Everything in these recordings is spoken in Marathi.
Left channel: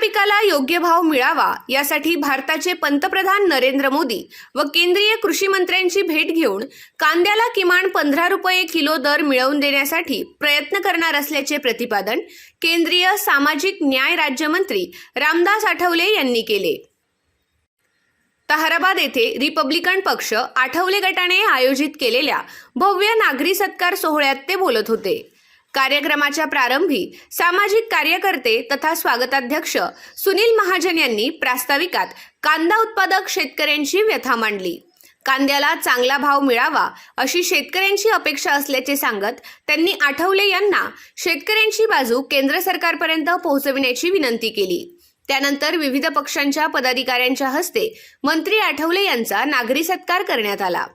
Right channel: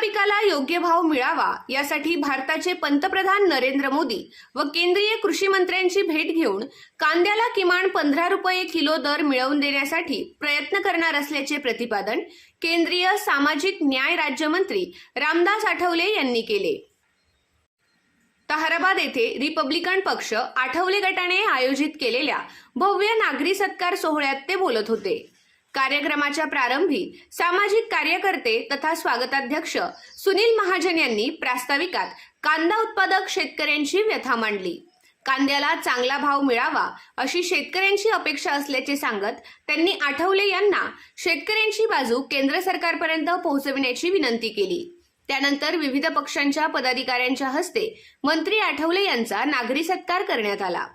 पिकाला योग्य भाव मिळावा यासाठी भारताचे पंतप्रधान नरेंद्र मोदी व केंद्रीय कृषी मंत्र्यांची भेट घेऊन कांद्याला किमान 15 रुपये किलो दर मिळवून देण्यासाठी प्रयत्न करणार असल्याचे प्रतिपादन केंद्रीय सामाजिक न्याय राज्यमंत्री रामदास आठवले यांनी केले। ताहराबाद येथे रिपब्लिकन पक्ष आठवले गटाने आयोजित केलेल्या भव्य नागरी सत्कार सोहळ्यात ते बोलत होते। कार्यक्रमाच्या प्रारंभी सामाजिक कार्यकर्ते तथा स्वागताध्यक्ष सुनील महाजन यांनी प्रास्ताविकात कांदा उत्पादक शेतकऱ्यांची व्यथा मांडली। कांद्याला चांगला भाव मिळावा अशी शेतकऱ्यांची अपेक्षा असल्याचे सांगत त्यांनी आठवले यांना शेतकऱ्यांची बाजू केंद्र सरकारपर्यंत पोहोचविण्याची विनंती केली। त्यानंतर विविध पक्षांच्या पदाधिकाऱ्यांच्या हस्ते मंत्री आठवले यांचा नागरी सत्कार करण्यात आला।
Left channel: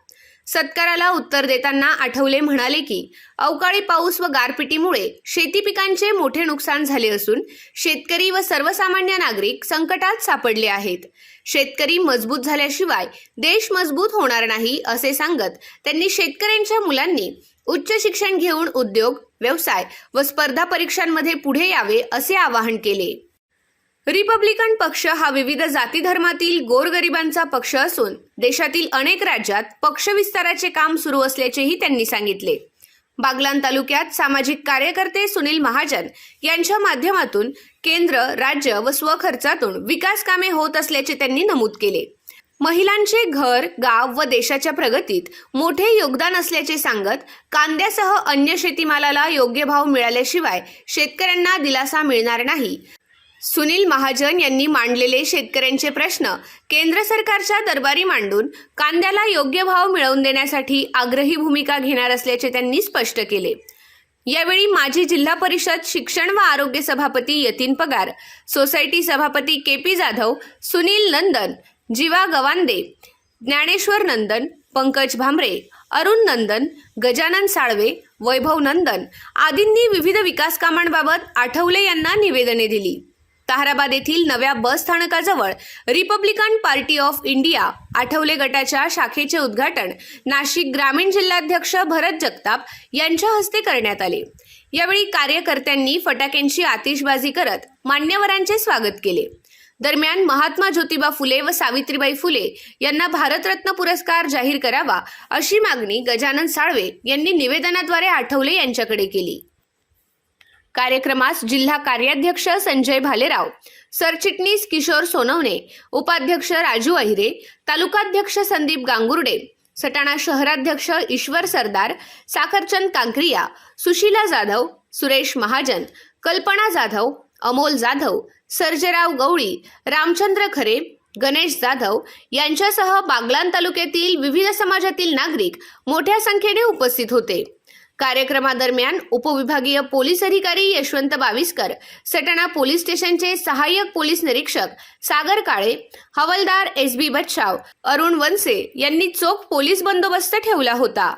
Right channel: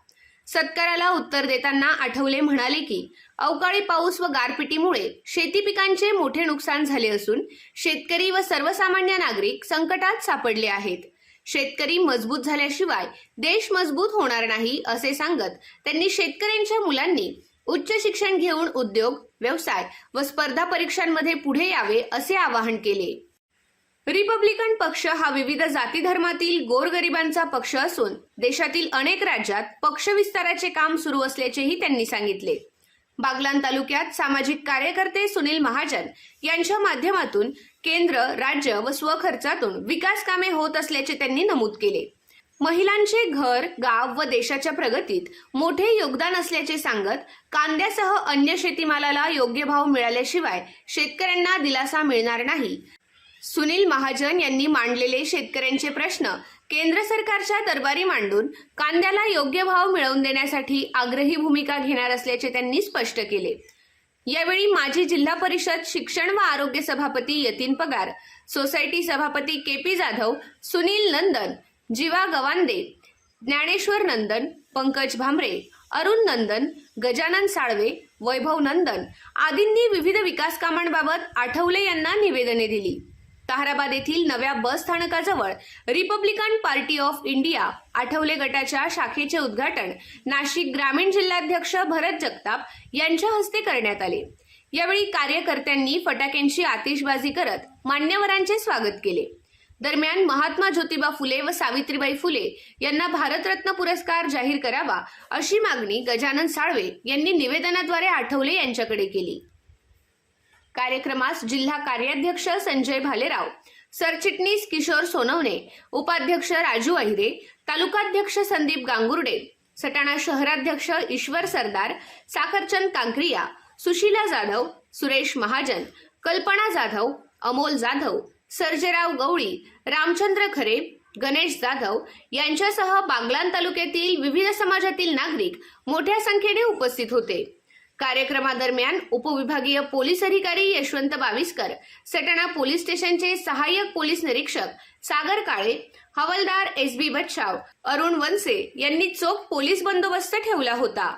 सत्काराला उत्तर देताना आठवले म्हणाले की अवकाळी पाऊस व गारपिटीमुळे शेती पिकांचे मोठे नुकसान झाले असून शेतकरी व सर्वसामान्य नागरिक संकटात सापडले आहेत। शेतकरी मजबूत झाल्याशिवाय देश मजबूत होणार नाही असे सांगत त्यांनी शेतकऱ्यांच्या मुलांनी उच्च शिक्षण घेऊन उद्योग, व्यवसाय व स्पर्धा परीक्षांमध्ये पुढे यावे असे आवाहन केले। रिपब्लिकन पक्ष हा विविध जाती धर्मातील गोरगरिबांचा पक्ष असून देशातील अनेक राज्यात पक्ष विस्ताराचे काम सुरू असल्याचेही त्यांनी सांगितले। बागलाण तालुक्यात सामाजिक कार्यकर्ते सुनील महाजन यांच्या माध्यमातून केंद्र, राज्य व स्वखर्चातून विकास कामे होत असल्याचे त्यांनी नमूद केले। महिलांचे घर, गाव व देशाच्या प्रगतीत मोठे योगदान असल्याचे सांगत कांद्यासह अन्य शेतीमालाला योग्य भाव मिळाल्याशिवाय शेतकऱ्यांना दिलासा मिळणार नाही। सुनील महाजन यांनी मांडलेले शेतकऱ्यांचे प्रश्न केंद्र सरकारच्या दरबारी मांडून कांद्याला योग्य भाव मिळवून देण्यासाठी आग्रही भूमिका घेणार असल्याचे त्यांनी स्पष्ट केले। यावेळी माजी जिल्हा परिषद शिक्षण व आरोग्य सभापती यतीन पगार, सोसायटी सभापती केपी जाधव, सुनील नंदन, जीवा गवांदे, ज्ञानेश्वर नंदन, पंकज भामरे, अरुण नंदन, गजानन साळवे, वैभव नंदन आदींनी विविध विकास कामांबाबत आठवले यांना निवेदने दिली। ताहराबाद येथील नव्या बस स्थानकाजवळ Republican party of India Athawale गटाच्या शाखेचे उद्घाटन नाशिक ग्रामीण जिल्हाध्यक्ष भरत जगताप यांच्या हस्ते करण्यात आले। यावेळी कार्यकर्त्यांनी फटाक्यांची आतिषबाजी करत मान्यवरांचे स्वागत केले। दरम्यान महात्मा ज्योतिबा फुले व सावित्रीबाई फुले यांना भारतरत्न पुरस्कार जाहीर करावा अशी मागणी गजानन साळवे यांनी निवेदनाद्वारे आठवले यांच्याकडे केली। कार्यक्रमास जिल्हा कार्याध्यक्ष संजय भालेराव, सरचिटणीस किशोर सोनवणे, उपाध्यक्ष राजू अहिरे, तालुकाध्यक्ष संदीप गांगुर्डे, सटाणा शहराध्यक्ष ईश्वर सरदार, साखरचंद कांक्रिया, सुशीला जाधव, सुरेश महाजन, कल्पना जाधव, अमोल जाधव, सर्जेराव गवळी, रामचंद्र खरे, गणेश जाधव यांच्यासह बागलाण तालुक्यातील विविध समाजातील नागरिक मोठ्या संख्येने उपस्थित होते। कार्यक्रमादरम्यान उपविभागीय पोलीस अधिकारी यशवंत बाविस्कर, सटाणा पोलीस स्टेशनचे सहाय्यक पोलीस निरीक्षक सागर काळे, हवालदार SB बच्छाव, अरुण वनसे यांनी चोख पोलीस बंदोबस्त ठेवला होता।